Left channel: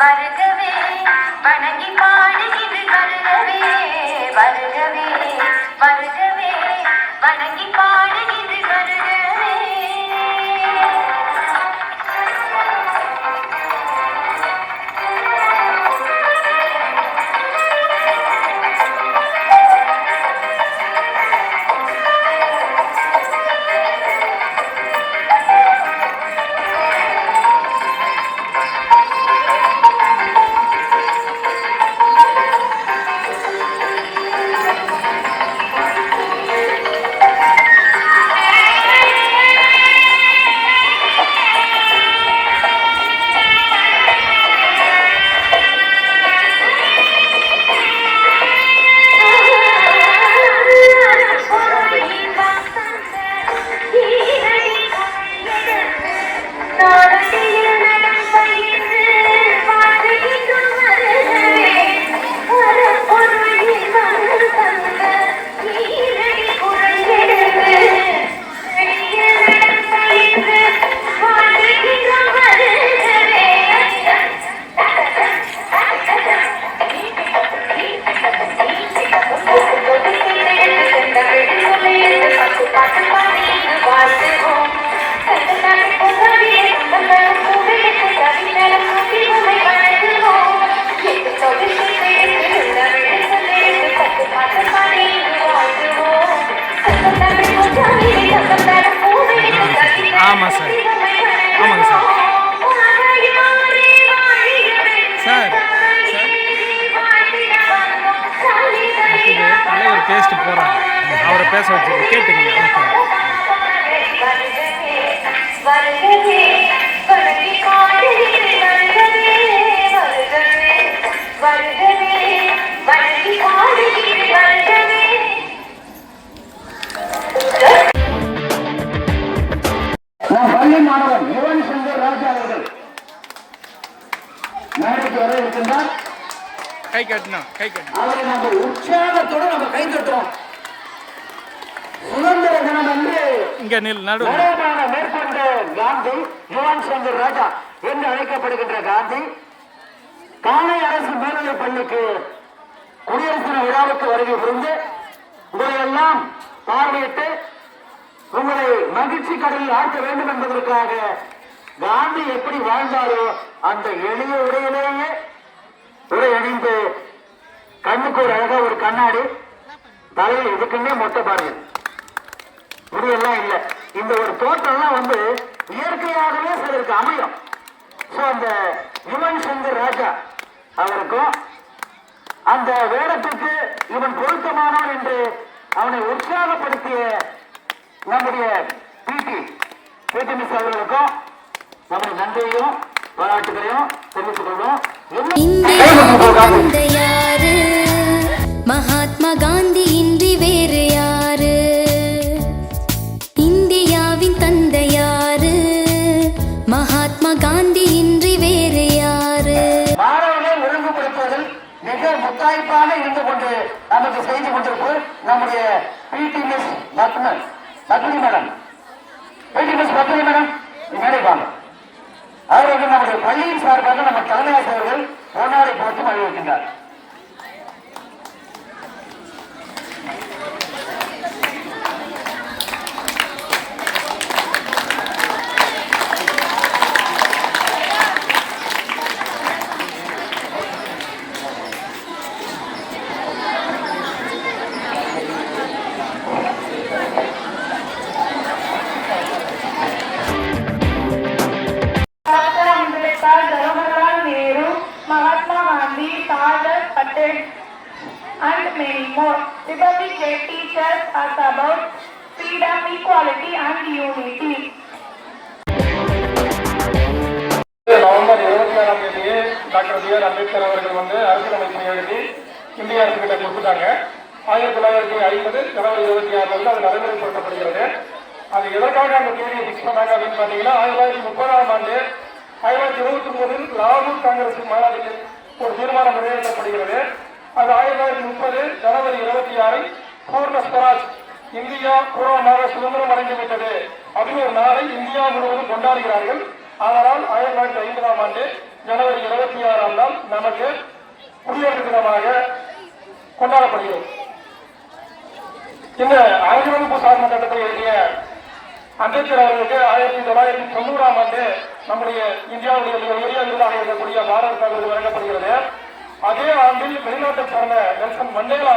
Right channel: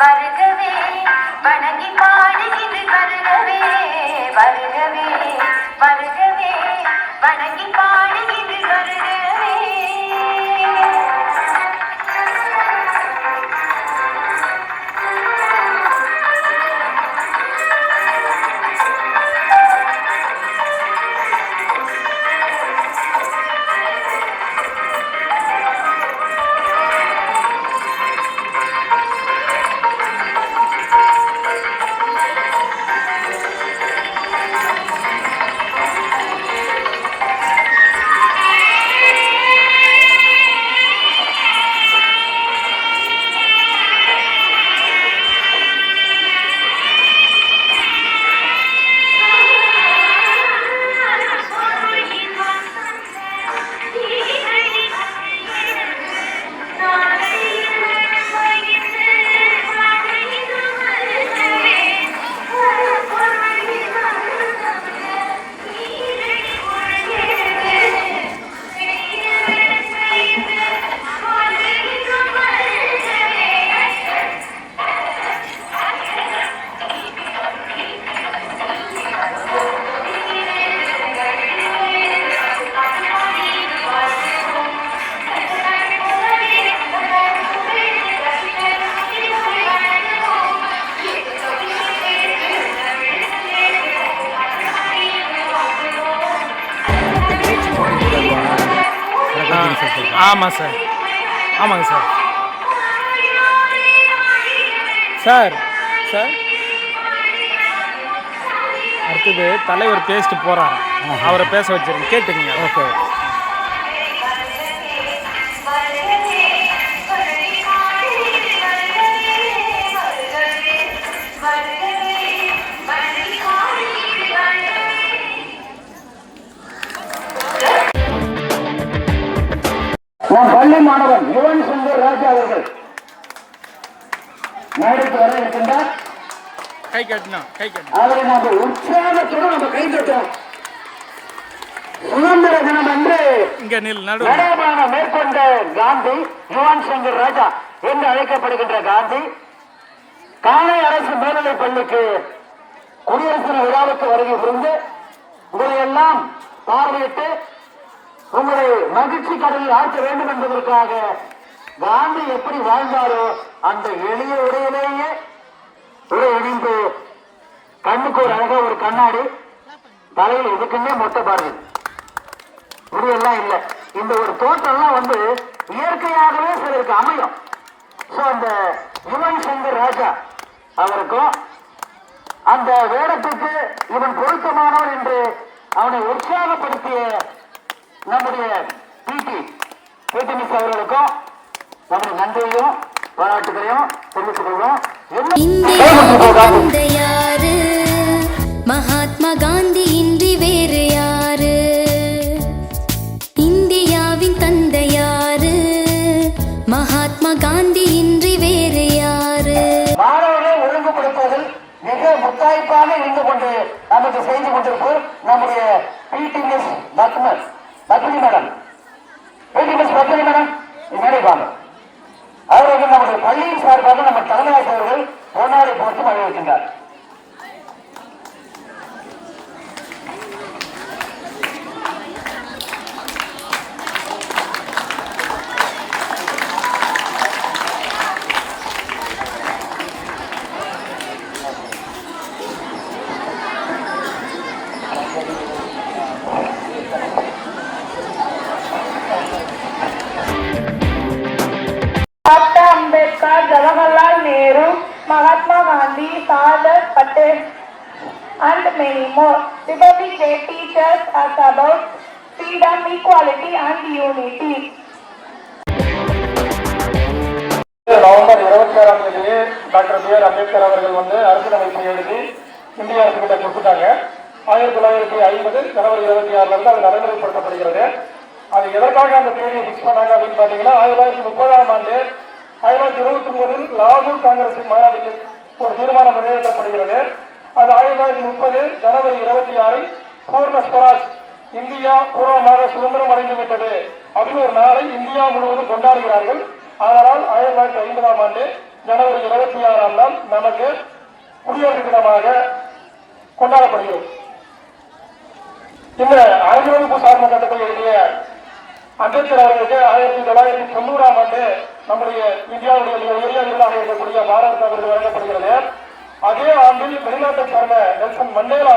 வருகவே வணங்கி பாடுகிறது வருகவே வருகவே வருகவே வணங்கி பாடுகிறது வருகவே. ஆமாம் சார், ஆமாங்க சார். சார் சார் அடுத்தது தலைவர் பேசிட்டு போகிறாங்க, அவரை பேச வச்சுருக்கேன், கேட்டுங்க. ஓகே. நான் பள்ளி மாணவன் யுவன் சங்கர் ராஜா அவர்கள் மேடைக்கு வர இருக்கின்றார். கை கட்டணும், கை கட்டணும். அவரை நம்ம உற்சாகத்துடன் நம்ம கை கட்டணும். சுதந்திர தினம் என்று இங்க நடு மேற்கொண்ட காந்தி யுவன் சங்கர் ராஜா என்று அழைக்கப்படுகின்ற காந்தி காலை அரசு மேல்நிலைப் பள்ளிக்கு குடியரசு தின விழாவுக்கு வருகை புரிந்து இதையெல்லாம் பார்வையிட்டு உங்களை மகிழ்ச்சி கடலில் ஆற்ற வேண்டும் என்பதற்காக காந்தி எப்படி வாழ்ந்தாரோ அந்த எளிய உடையிலேயே உடை அணிந்து கண்ணுக்கு ஒரு அழகா ஒரு கண்ணாடி தலையில் இதுக்குன்னே மொட்டை பாருங்க, முடியெல்லாம் இல்லை. இந்த ஒரு தோற்றம்லாம் இயற்கையாகவே சிலருக்கு அமையும். ஸோ அந்த யுவன் சங்கர் ராஜா அவருக்கும் அந்த வேடத்துக்கு இவன் பொருத்தமானவன் என்று அவனை உற்சாகப்படுத்திய நம்முடைய பிடி மிஸ் அவர்களுக்கும் நம்முடைய நன்றியையும் பாராட்டுகளையும் தெரிவித்துக் கொள்வோம். மகாத்மா காந்தி இன்றி வேறு யாரு? இந்தியாவின் தந்தை யாரு? மகாத்மா காந்தி இன்றி வேறு யாரு? மாணவர்களை ஒழுங்குபடுத்துவதில் மிக முத்தாய்ப்பாக இருந்து கொண்டு நமக்கு செய்து கொண்டிருப்போர் நம்முடைய பிடி மிஸ் பத்மினி மேடம். பிடி மிஸ் பத்மினி மேடம் நினைப்பாங்க. அவர்கள் நம்முடைய பள்ளியின் சார்பாக நம்ம தலைமை ஆசிரியர்கள் பொன்னாடை போட்டு அறிவிக்கின்றார். Mahatma Gandhi, Sardar Patel, and many more. Republic Day teaches us about freedom, equality, and unity. November 26ஆம் தேதி டாக்டர் பி.ஆர். அம்பேத்கர் அவர்கள் அரசியலமைப்பை எழுதி இந்திய அரசு கிட்ட கொடுத்துட்டாங்க. 1950 ஜனவரி 26 அது நடைமுறைப்படுத்தப்படுகிறது. அது எதற்காக அந்த தேதியை பிக்ஸ் பண்ணாங்க அப்படின்னு பார்த்தீங்கன்னா 1930ஆம் ஆண்டு 1929 லாகூர் காங்கிரஸ் மாநாட்டில் ஒரு தீர்மானம் நிறைவேற்றப்படுகிறது. அது 1930 ஜனவரி 26 பூர்ண ஸ்வராஜ், இந்தியா பூர்வமாக சுதந்திரம் அடைந்துவிட்டது அப்படின்னு ஒரு நாளை இந்தியா முழுவதும் கொண்டாடுகிறார்கள். அதனால் 1950ஆம் ஆண்டு ஜனவரி 26ஆம் நாள் நமக்கு குடியரசு தினமாக கொண்டாடப்படுகிறது. இந்த அரசியலமைப்பு சாசன சட்டத்தை எழுதிய அம்பேத்கர் அவர்களுக்கு 1990ஆம் ஆண்டு நம்முடைய இந்தியாவுடைய மிக உயரிய விருதாக இருக்கக்கூடிய பாரத ரத்னா விருது வழங்கப்படுகிறது. அதே ஆண்டில் வெளிநாட்டை சார்ந்த நெல்சன் மண்டேலா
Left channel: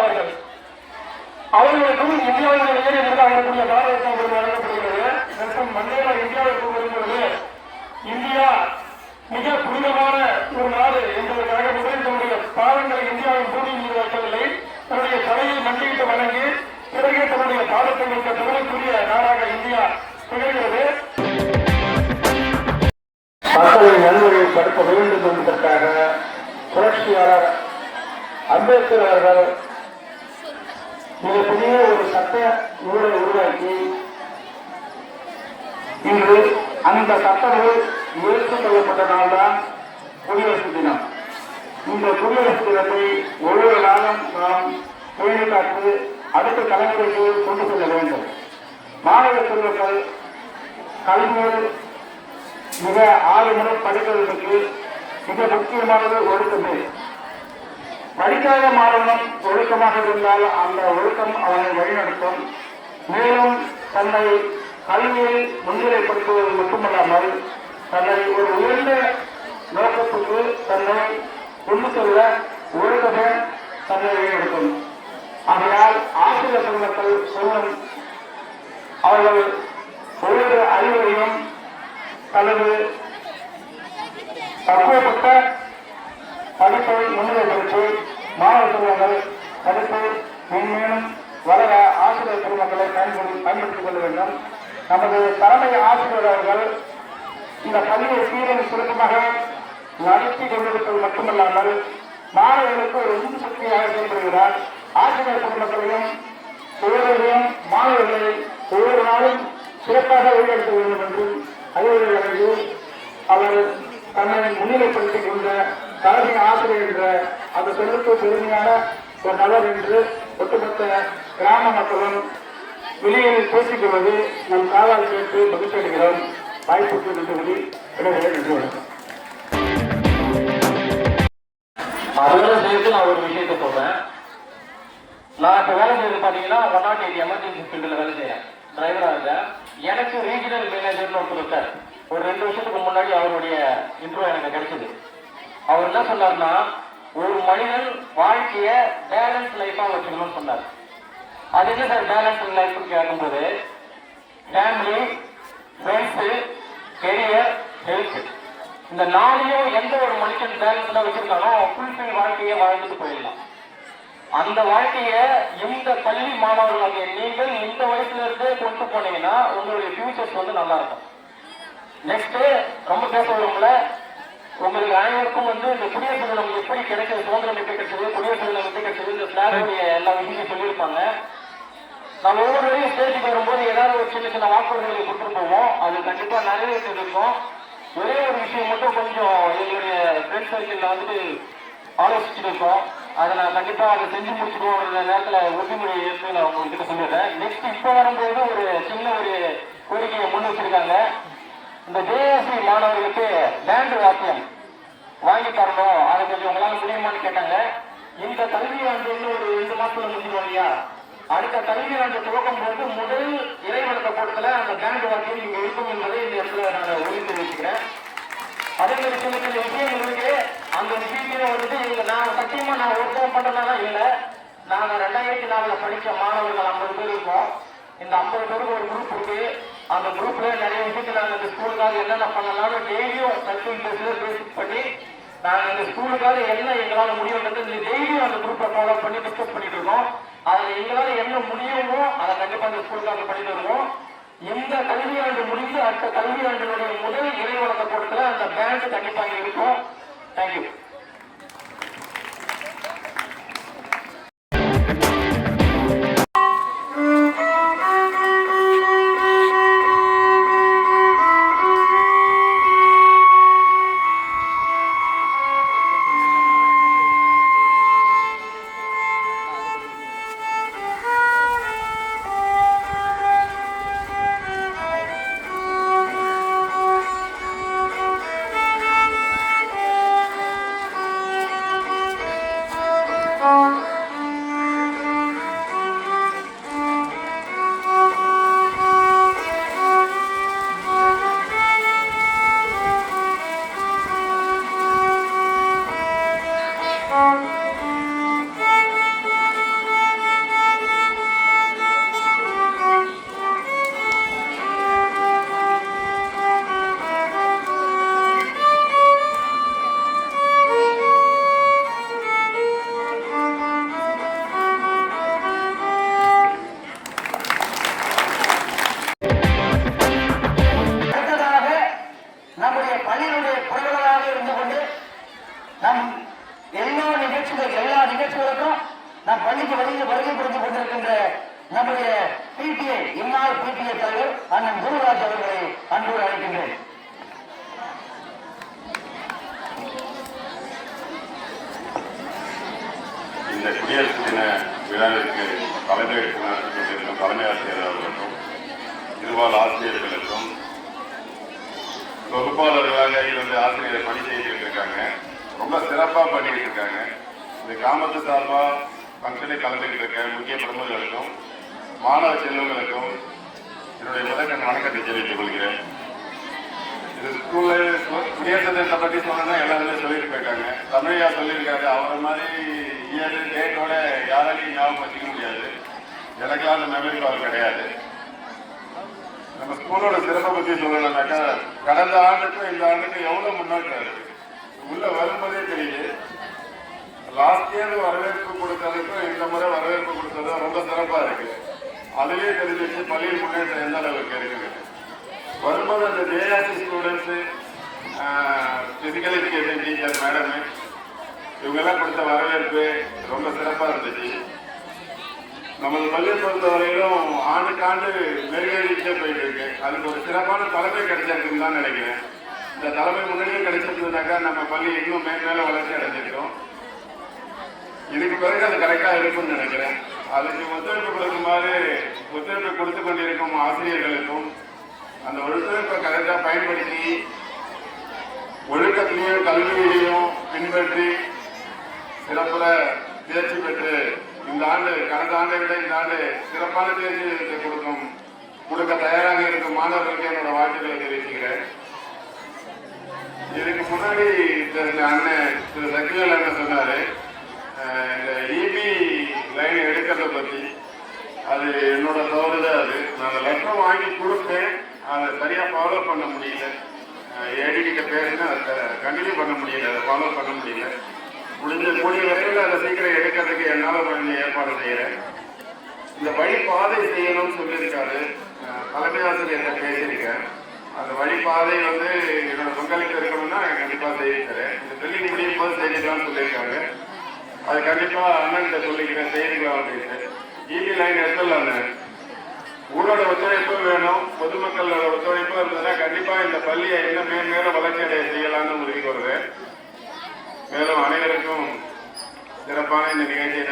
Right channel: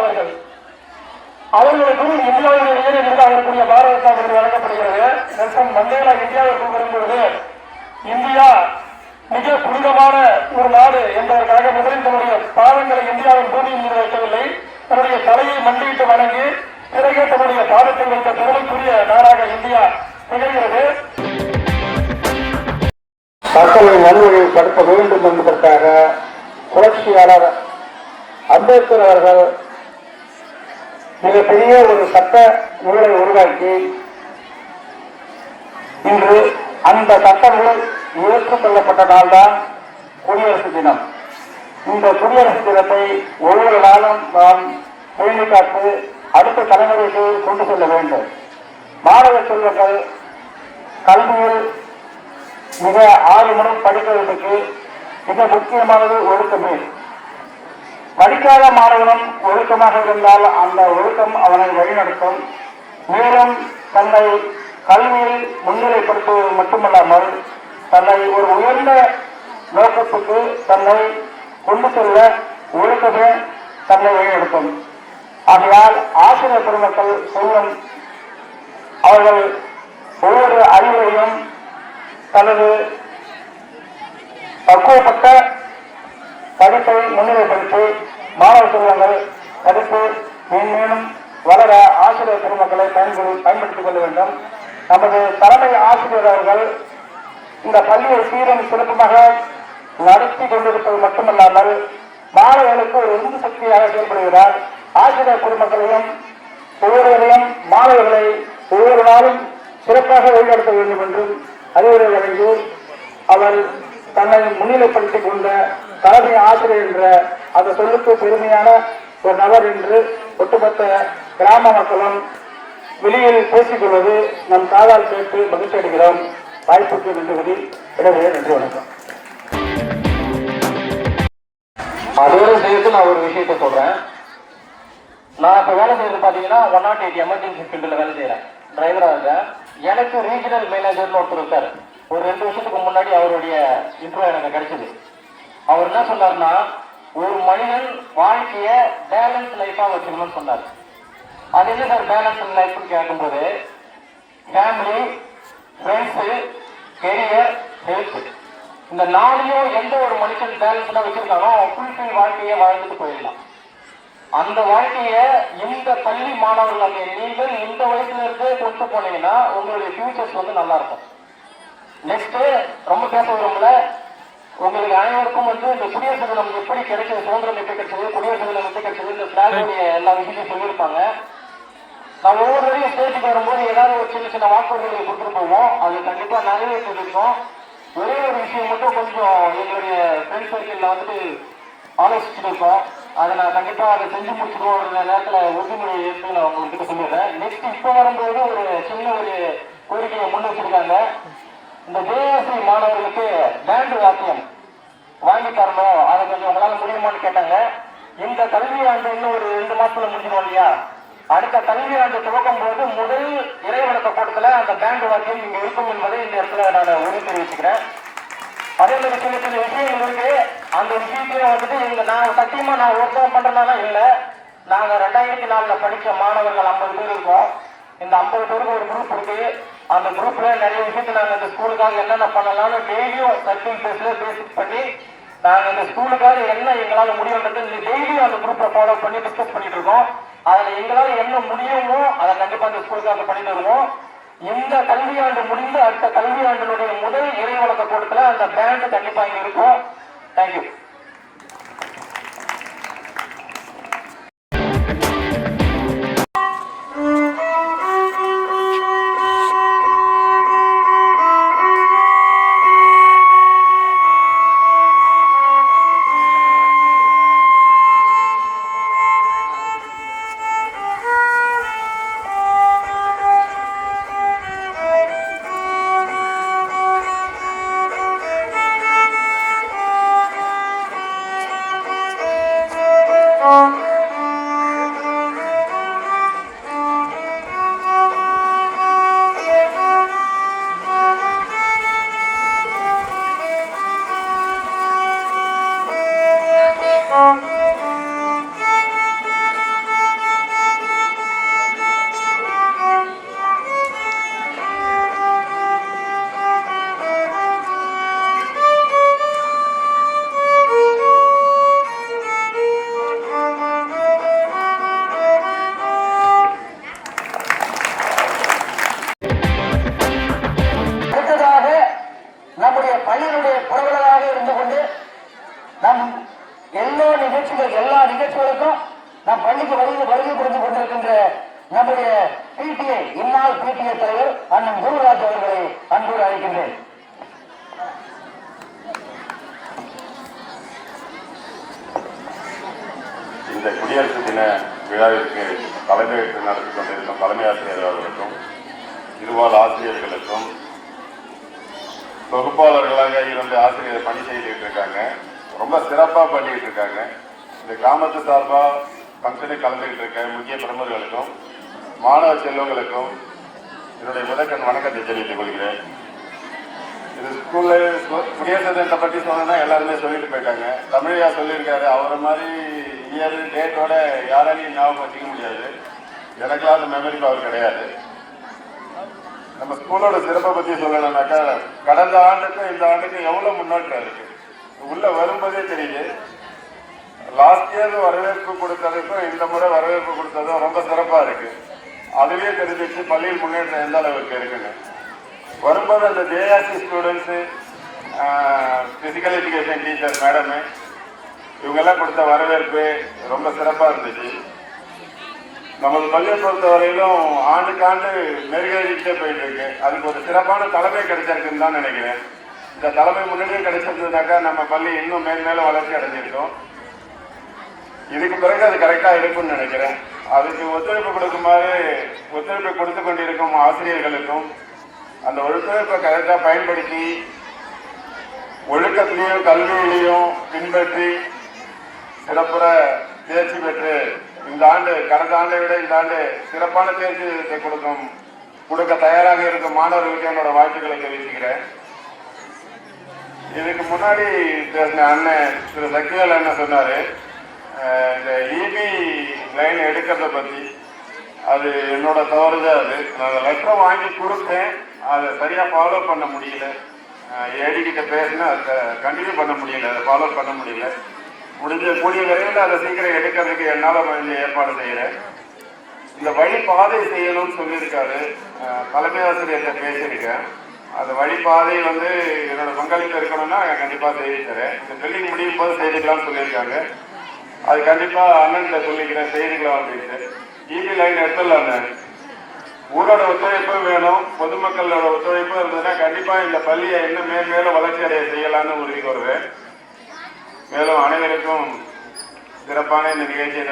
அவர்களுக்கு இந்தியாவுடைய உயரிய விருதாக இருக்கக்கூடிய பாரத ரத்னா விருது வழங்கப்படுகிறது. நெல்சன் மண்டேலா இந்தியாவிற்கு வரும்பொழுது இந்தியா மிக புனிதமான ஒரு நாடு என்பதற்காக முதலில் தன்னுடைய பாதங்களை இந்தியாவின் பூமியில் மீது வைக்கவில்லை, தன்னுடைய தலையை மண்டியிட்டு வணங்கி பிறகு தன்னுடைய பாதத்தை வைத்த புகழுக்குரிய நாடாக இந்தியா திகழ்கிறது. மக்களை நல்வழிப்படுத்த வேண்டும் என்பதற்காக புரட்சியாளர் அம்பேத்கர் அவர்கள் மிகப்பெரிய ஒரு சட்ட நூலை உருவாக்கி இன்று அந்த சட்ட நூல் ஏற்றுக்கொள்ளப்பட்ட நாள்தான் குடியரசு தினம். இந்த குடியரசு தினத்தை ஒவ்வொரு நாளும் நாம் பேணி காத்து அடுத்த தலைமுறைக்கு கொண்டு செல்ல வேண்டும். மாணவ செல்வங்கள் கல்வியில் மிக ஆர்வமுடன் படிப்பதற்கு மிக முக்கியமானது ஒழுக்கமே. படிக்காத மாணவனும் ஒழுக்கமாக இருந்தால் அந்த ஒழுக்கம் அவனை வழிநடத்தும். மேலும் தன்னை கல்வியில் முன்னிலைப்படுத்துவது மட்டுமல்லாமல் தன்னை ஒரு உயர்ந்த நோக்கத்துக்கு தன்னை கொண்டு செல்ல ஒழுக்கமே தன்னை வழிநடத்தும். ஆகையால் ஆசிரியர் பெருமக்கள் சொல்லும் அவர்கள் ஒவ்வொரு அறிவையும் தனது பக்குவப்பட்ட படிப்பை முன்னிலைப்படுத்தி மாணவ செல்வங்கள் படிப்பு மேன்மேலும் வளர ஆசிரியர் பெருமக்களை பயன்படுத்திக் கொள்ள வேண்டும். நமது தலைமை ஆசிரியர் அவர்கள் இந்த பள்ளியை சீரன் சிறப்பாக நடத்தி கொண்டிருப்பது மட்டுமல்லாமல் மாணவர்களுக்கு ஒரு உந்து சக்தியாக செயல்படுகிறார். ஆசிரியர் பெருமக்களையும் ஒவ்வொருவரையும் மாணவர்களை ஒவ்வொரு நாளும் சிறப்பாக வழிநடத்த வேண்டும் என்று அறிவுரை வழங்கி அவர் தன்னை முன்னிலைப்படுத்திக் கொண்ட தலைமை ஆசிரியர் என்ற அந்த சொல்லுக்கு பெருமையான ஒரு நபர் என்று ஒட்டுமொத்த கிராம மக்களும் வெளியில் பேசிக் கொள்வது நம் காதால் கேட்டு மகிழ்ச்சி அடைகிறோம். வாய்ப்புக்கு நன்றி. எனவே நன்றி, வணக்கம். அதோட சேர்த்து நான் ஒரு விஷயத்தை சொல்றேன். நான் இப்போ வேலை செய்யறது பார்த்தீங்கன்னா 108 எமர்ஜென்சி ஃபீல்டில் வேலை செய்கிறேன், டிரைவராக இருக்கேன். எனக்கு ரீஜனல் மேனேஜர்னு ஒருத்தர் இருக்கார். ஒரு 2 வருஷத்துக்கு முன்னாடி அவருடைய இன்ட்ரோ எனக்கு கிடைச்சது. அவர் என்ன சொன்னார்னா, ஒரு மனிதன் வாழ்க்கையை பேலன்ஸ் லைஃபாக வச்சுக்கணும்னு சொன்னார். அது என்ன சார் பேலன்ஸ் லைஃப்னு கேட்கும்போது, ஃபேமிலி, ஃப்ரெண்ட்ஸு, கெரியர், ஹெல்த், இந்த 4ஐயும் எந்த ஒரு மனுஷன் பேலன்ஸ்டாக வச்சிருக்கானோ ஃபுல்ஃபில் வாழ்க்கையை வாழ்ந்துட்டு போயிடலாம். அந்த வாழ்க்கையை இந்த பள்ளி மாணவர்கள் நீங்கள் இந்த வயசுல இருந்து கொண்டு போனீங்கன்னா உங்களுடைய ஃபியூச்சர்ஸ் வந்து நல்லா இருக்கும். நெக்ஸ்ட் ரொம்ப பேச விரும்பல, உங்களுக்கு அனைவருக்கும் வந்து இந்த குடியரசு தினம் எப்படி கிடைச்சது, சுதந்திரம் எப்படி கிடைச்சது, குடியரசு தினம் எப்படி கிடைச்சது, இந்த பிளாகோடைய எல்லா விஷயத்தையும் சொல்லியிருப்பாங்க. நம்ம ஒவ்வொருவரையும் ஸ்டேஜுக்கு வரும்போது ஏதாவது ஒரு சின்ன சின்ன வாக்குறுதிகளை கொடுத்துட்டு போவோம். அது கண்டிப்பா நிறைவேற்றிருக்கோம். ஒரே ஒரு விஷயம் மட்டும் கொஞ்சம் எங்களுடைய ஃப்ரெண்ட்ஸ் சர்க்கிளில் வந்துட்டு ஆலோசிச்சுட்டு இருக்கோம். அதை நான் கண்டிப்பா அதை செஞ்சு முடிச்சுக்கோன்ற நேரத்தில் உறுதிமொழி ஏற்று நான் உங்ககிட்ட சொல்லிடுறேன். நெக்ஸ்ட் இப்போ வரும்போது ஒரு சின்ன ஒரு கோரிக்கையை முன் வச்சிருக்காங்க. இந்த ஜேஏசி மாணவர்களுக்கு பேண்ட் வாத்தியம் வாங்கி தரணும், அதை கொஞ்சம் உங்களால் முடியுமான்னு கேட்டாங்க. இந்த கல்வி ஆண்டு இன்னும் ஒரு 2 மாசத்துல முடிஞ்சிடும் இல்லையா? அடுத்த கல்வி ஆண்டு துவக்கும் போது முதல் இறைவணக்க கூட்டத்தில் அந்த பேண்ட் வாக்கியம் இங்கே இருக்கும் என்பதை இந்த இடத்துல நான் உறுதி தெரிவிச்சுக்கிறேன். அதே மாதிரி சின்ன சின்ன விஷயங்கள் இருக்கு. அந்த விஷயத்தையும் வந்துட்டு இங்க நான் சத்தியமா நான் ஒருத்தரம் பண்றதுனால இல்லை, நாங்க 2004 படிச்ச மாணவர்கள் 50 பேர் இருக்கோம். இந்த 50 பேருக்கு ஒரு குரூப் இருக்கு. அந்த குரூப்ல நிறைய விஷயத்துல நாங்கள் இந்த ஸ்கூலுக்காக என்னென்ன பண்ணலாம்னு டெய்லியும் சர்க்கிள் பேசிக் பண்ணி நாங்கள் இந்த ஸ்கூலுக்காக என்ன எங்களால் முடியும்ன்றது டெய்லியும் அந்த குரூப்பை ஃபாலோ பண்ணி டிஸ்கஸ் பண்ணிட்டு இருக்கோம். அதில் எங்களால் என்ன முடியுமோ அதை கண்டிப்பாக அந்த ஸ்கூலுக்காக பண்ணிட்டு இருக்கோம். இந்த கல்வியாண்டு முடிந்து அடுத்த கல்வியாண்டினுடைய முதல் இறைவழக்க கூட்டத்தில் அந்த பேண்ட் கண்டிப்பாக இருக்கும். தேங்க்யூ. அடுத்ததாக நம்முடைய பள்ளியினுடைய புரவலராக இருந்து கொண்டு நம் எல்லா நிகழ்ச்சிகளுக்கும் நம் பள்ளிக்கு வருகை புரிந்து கொண்டிருக்கின்ற நம்முடைய பிடிஏ இந்நாள் பிடிஏ தலைவர் அண்ணன் குருராஜ் அவர்களை அன்போடு அழைக்கின்றேன். இந்த குடியரசு தின விழாவிற்கு தலைமையேற்று நடத்தி கொண்டிருக்கும் தலைமை ஆசிரியர் அவர்களுக்கும் இருபால் ஆசிரியர்களுக்கும் தொகுப்பாளர்களாக இருந்து ஆசிரியர் பணி செய்துட்டு இருக்காங்க. ரொம்ப சிறப்பாக பண்ணிட்டு இருக்காங்க. இந்த கிராமத்து சார்பாக ஃபங்க்ஷனை கலந்துகிட்டு இருக்க முக்கிய பிரமுகர்களுக்கும் மாணவ செல்வங்களுக்கும் என்னுடைய முதற்கண் வணக்கத்தை தெரிவித்துக் கொள்கிறேன். இது ஸ்கூல்ல குடியரசு தினத்தை பற்றி சொன்னா எல்லாருமே சொல்லிட்டு போயிட்டாங்க. தமிழையா சொல்லியிருக்காரு. அவரை மாதிரி இயர் டேட்டோட யாராலையும் ஞாபகம் வச்சுக்க முடியாது. எனக்கெல்லாம் அந்த மெமரி பவர் கிடையாது. நம்ம ஸ்கூலோட சிறப்பை பற்றி சொல்லணும்னாக்கா கடந்த ஆண்டுக்கும் இந்த ஆண்டுக்கும் எவ்வளவு முன்னேற்றம் இருக்கு உள்ள வரும்போதே தெரியுது. லாஸ்ட் இயர் வரவேற்பு கொடுத்ததுக்கும் இந்த முறை வரவேற்பு கொடுத்ததும் ரொம்ப சிறப்பா இருக்கு. அதுவே தெரிஞ்சிச்சு பள்ளியில் முன்னேற்றம் எந்த அளவுக்கு இருக்குங்க. வரும்போது அந்த JRC students, physical education teacher madam இவங்கெல்லாம் கொடுத்த வரவேற்பு ரொம்ப சிறப்பாக இருந்துச்சு. நமது பள்ளியை பொறுத்த வரையிலும் ஆண்டுக்கு ஆண்டு மெருகேறிக்கிட்டே போயிட்டு இருக்கு. அதுக்கு ஒரு சிறப்பான தலைமை கிடைச்சிருக்குன்னு தான் நினைக்கிறேன். இந்த தலைமை முன்னாடியே கிடைச்சிருந்ததுனாக்கா நம்ம பள்ளி இன்னும் மேன்மேலும் வளர்ச்சி அடைஞ்சிருக்கோம். இதுக்கு பிறகு அது கரெக்டாக இருக்கும்னு நினைக்கிறேன். அதுக்கு ஒத்துழைப்பு கொடுத்து கொண்டிருக்கும் ஆசிரியர்களுக்கும் அந்த ஒழுக்கத்தை கரெக்டாக பயன்படுத்தி ஒழுக்கத்திலையும் கல்வியிலையும் பின்பற்றி சிறப்புற தேர்ச்சி பெற்று இந்த ஆண்டு கடந்த ஆண்டை விட இந்த ஆண்டு சிறப்பான தேர்ச்சி கொடுக்க தயாராக இருக்கும் மாணவர்களுக்கு என்னோட வாழ்த்துக்களை தெரிவிச்சுக்கிறேன். இதுக்கு முன்னாடி அண்ணன் திரு சக்திவேல் அண்ணன் சொன்னாரு இந்த இபி லைன் எடுக்கிறத பற்றி. அது என்னோட தவறுதான். அது நான் லெட்டர் வாங்கி கொடுத்தேன். அதை சரியாக ஃபாலோ பண்ண முடியல. ஏடி கிட்ட பேசினா அதை கண்டினியூ பண்ண முடியல. அதை ஃபாலோ பண்ண முடியல. கூடிய விரைவில் அதை சீக்கிரம் எடுக்கிறதுக்கு என்னால் கொஞ்சம் ஏற்பாடு செய்கிறேன். இந்த வழி பாதை செய்யணும்னு சொல்லியிருக்காரு. தலைமை ஆசிரியர்கிட்ட பேசியிருக்கேன். அந்த வழிபாதை என்னோட பங்களிப்பு இருக்கணும்னா கண்டிப்பாக செய்து தரேன். இந்த தொழில் முடியும் போது செய்திக்கலாம்னு சொல்லியிருக்காங்க. அது கண்டிப்பாக அண்ணன்கிட்ட சொல்லிக்கிறேன், செய்திக்கலாம் அப்படின்ட்டு. இபி லைன் எடுத்துடலாங்க. ஊரோட ஒத்துழைப்பு வேணும், பொதுமக்களோட ஒத்துழைப்பு இருந்ததுன்னா கண்டிப்பாக இந்த பள்ளியை இன்னும் மேலும் வளர்ச்சி அடைய செய்யலாம்னு உறுதி கூறுவேன். மேலும் அனைவருக்கும் சிறப்பான இந்த நிகழ்ச்சியை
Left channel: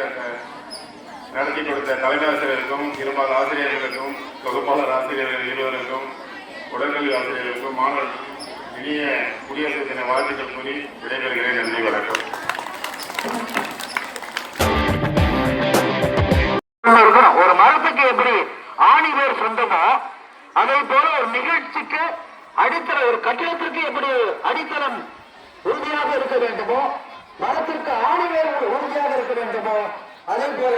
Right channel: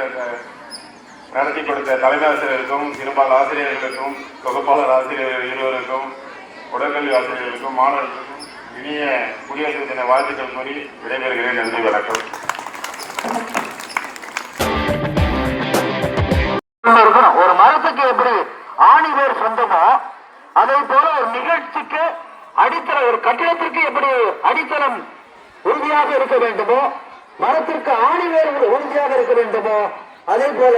நடத்தி கொடுத்த தலைமை ஆசிரியருக்கும் இருபால் ஆசிரியர்களுக்கும் தொகுப்பாளர் ஆசிரியர்கள் இருவருக்கும் உடற்கல்வி ஆசிரியர்களுக்கும் மாணவர்களுக்கும் இனிய குடியரசு தின வாழ்த்துக்கள் கூறி விடைபெறுகிறேன். நன்றி, வணக்கம். ஒரு மரத்துக்கு எப்படி ஆணிவேர் சொந்தமோ அதே போல ஒரு நிகழ்ச்சிக்கு அடித்தளம், ஒரு கட்டிடத்திற்கு எப்படி அடித்தளம் உறுதியாக இருக்க வேண்டுமோ, மரத்திற்கு ஆணிவேர் உறுதியாக இருக்க வேண்டுமோ, அதே போல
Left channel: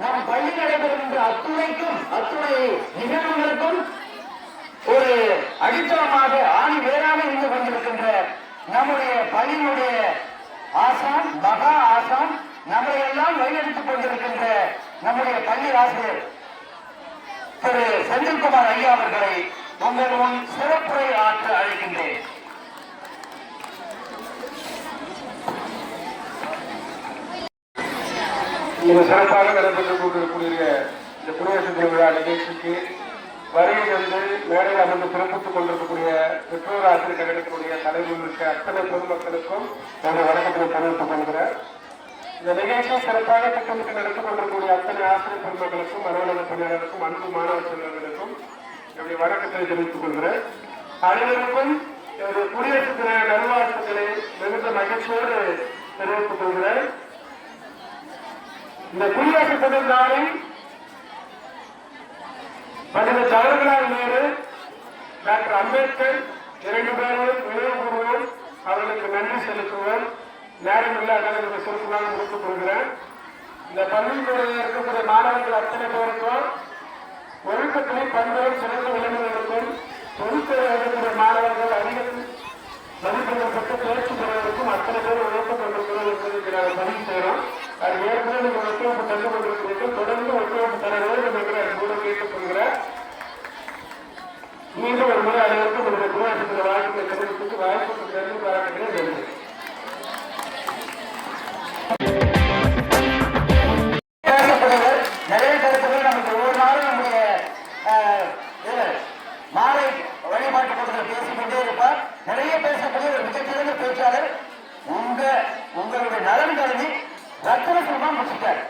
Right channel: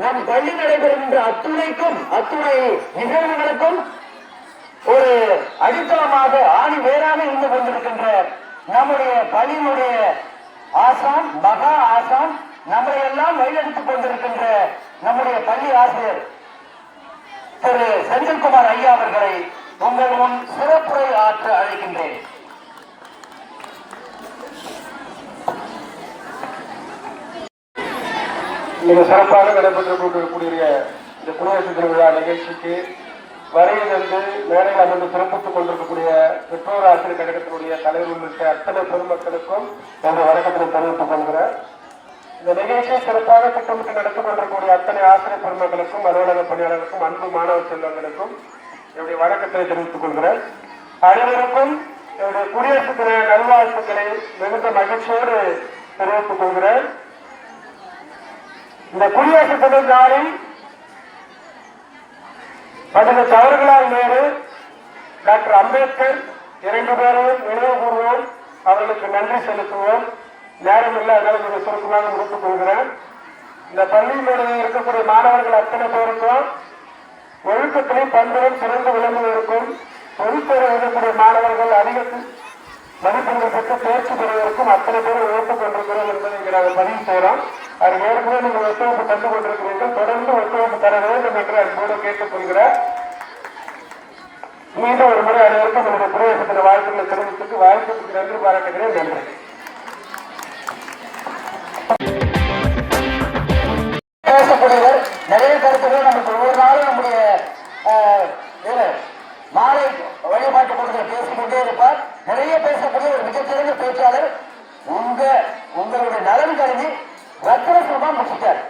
நம் பள்ளி நடைபெறுகின்ற அத்துணை நிகழ்வுகளுக்கும் ஒரு அடித்தளமாக ஆணி வேறாக இருந்து கொண்டிருக்கின்ற நம்முடைய பள்ளியினுடைய ஆசான், மகா ஆசான், நம்மை எல்லாம் வழிநடத்திக் கொண்டிருக்கின்ற நம்முடைய பள்ளி ஆசிரியர் திரு செந்தில்குமார் ஐயா அவர்களை உங்கள் முன் சிறப்புரை ஆற்ற அழைக்கின்றேன். மிக சிறப்பாக நடைபெற்றுக் கொண்டிருக்கக்கூடிய இந்த குடியரசு தின விழா நிகழ்ச்சிக்கு வருகை தந்து மேடையில் அமர்ந்து சிறப்பித்துக் கொண்டிருக்கக்கூடிய பெற்றோர் ஆசிரியர் கழகத்தினுடைய தலைவர் உள்ளிட்ட அத்தனை பொதுமக்களுக்கும் எங்கள் வணக்கத்தை தெரிவித்துக் கொள்கிறேன். இந்த நிகழ்ச்சியை சிறப்பாக திட்டமிட்டு நடத்திக் கொண்டிருக்கக்கூடிய அத்தனை ஆசிரியர் பெருமக்களுக்கும் அலுவலக பணியாளர்களுக்கும் அன்பு மாணவ செல்வங்களுக்கும் என்னுடைய வணக்கத்தை தெரிவித்துக் கொள்கிறேன். அனைவருக்கும் என்னுடைய குடியரசு தின நல்வாழ்த்துக்களை மிகுந்த மகிழ்ச்சியோடு தெரிவித்துக் கொள்கிறேன். இந்த குடியரசு தின நாளில் பண்டித ஜவஹர்லால் நேரு, டாக்டர் அம்பேத்கர் 2 பேரையும் நினைவு கூறுவோம், அவர்களுக்கு நன்றி செலுத்துவோம். நேரம் இல்லை, அதனால நீங்கள் சுருக்கமாக முடித்துக் கொள்கிறேன். இந்த பள்ளியினுடைய இருக்கக்கூடிய மாணவர்கள் அத்தனை பேருக்கும் ஒழுக்கத்திலும் பண்புகளும் சிறந்து விளங்குவதற்கும் பொதுத்துறை இருக்கக்கூடிய மாணவர்கள் அதிக மதிப்பெண்கள் பெற்று தேர்ச்சி பெறுவதற்கும் அத்தனை பேரும் உழைப்பு கொண்டிருக்கிறோம் என்பதை இங்கே நாங்கள் பதிவு செய்கிறோம். அது ஏற்கனவே நீங்கள் ஒத்துழைப்பு தந்து கொண்டிருக்கிறீர்கள். தொடர்ந்து ஒத்துழைப்பு தர வேண்டும் என்று அன்போடு கேட்டுக்கொள்கிறார். மீண்டும் ஒரு முறை அனைவருக்கும் நம்முடைய பிரவேசத்தின் வாழ்த்துக்களை தெரிவித்துக்கு வாய்ப்புக்கு நன்றி பாராட்டுகிறேன். நன்றி. பேசக்கூடியவர் நிறைய கருத்துக்கள் நமக்கு ஒவ்வொரு நாளும் நம்முடைய மாலை வழிபாட்டு கூட்டத்தில் பேசிக்கொண்டே இருப்பார். நிறைய பேசக்கூடிய ஒரு மிகச்சிறந்த பேச்சாளர். உங்களுடைய நலன் கருதி ரத்ன சுபம் முடிச்சிட்டார்.